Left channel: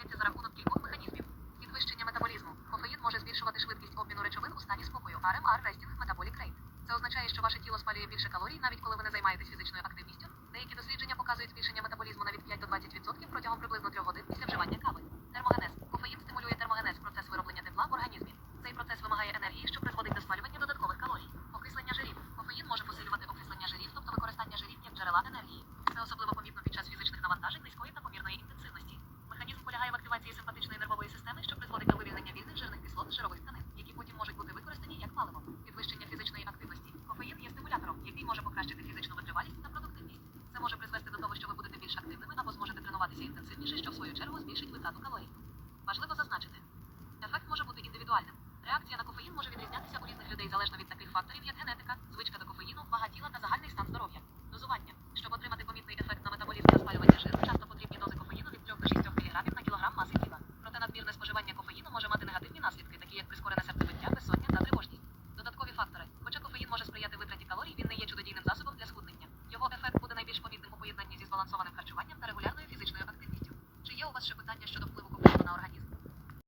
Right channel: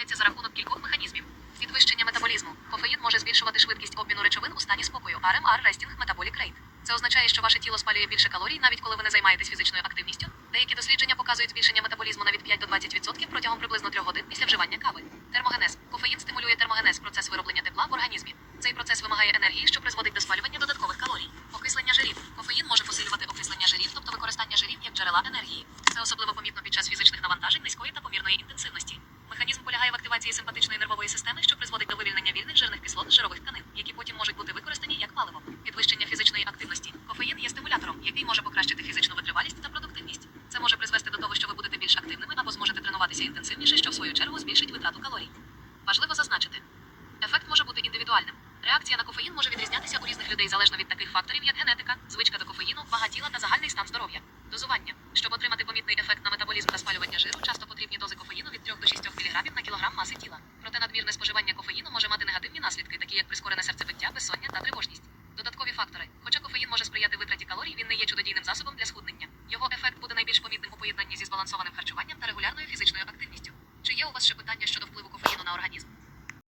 відбувається за рахунок кількох механізмів. Підвищення метаболізму. Кофеїн може збільшувати швидкість обміну речовин у стані спокою. RMR – Resting Metabolic Rate. Це означає, що ваше тіло спалює більше калорій, навіть коли ви не займаєтесь фізичною активністю. Деякі дослідження показують збільшення метаболізму навіть 5 до 20% протягом приблизно 3 годин після вживання кави. Термогенез. Кофеїн стимулює термогенез процес вироблення тепла в організмі. Цей процес вимагає енергії, що призводить до спалювання додаткових калорій. Окислення жирів. Кофеїн може посилювати окислення жирів, тобто використання жирів як джерела енергії. Це особливо нервової системи, що призводить до вивільнення вільних жирних кислот з жирових тканин, які потім можуть бути використані як паливо. Підвищення фізичної активності. Кофеїн є стимулятором, який може покращити фізичну витривалість та продуктивність. Це може призвести до того, що ви будете більш активними або зможете тренуватися інтенсивніше, що в свою чергу збільшить витрату калорій. Важливо зазначити, ефект може бути індивідуальним. Реакція на кофеїн може відрізнятися у різних людей залежно від таких факторів, як генетика, звичка до кофеїну, вага тіла та загальний стан здоров'я. Дозування. Щоб отримати помітний ефект на метаболізм та спалювання Наслідки, такі як прискорене серцебиття, безсоння та тривожність. Додаткові фактори. Хоча кофеїн може сприяти витраті калорій, він не є чудодійним засобом для схуднення. Його ефект буде найбільш помітним у поєднанні зі збалансованим харчуванням та регулярною фізичною активністю. Чи є у вас ще питання щодо впливу кофеїну?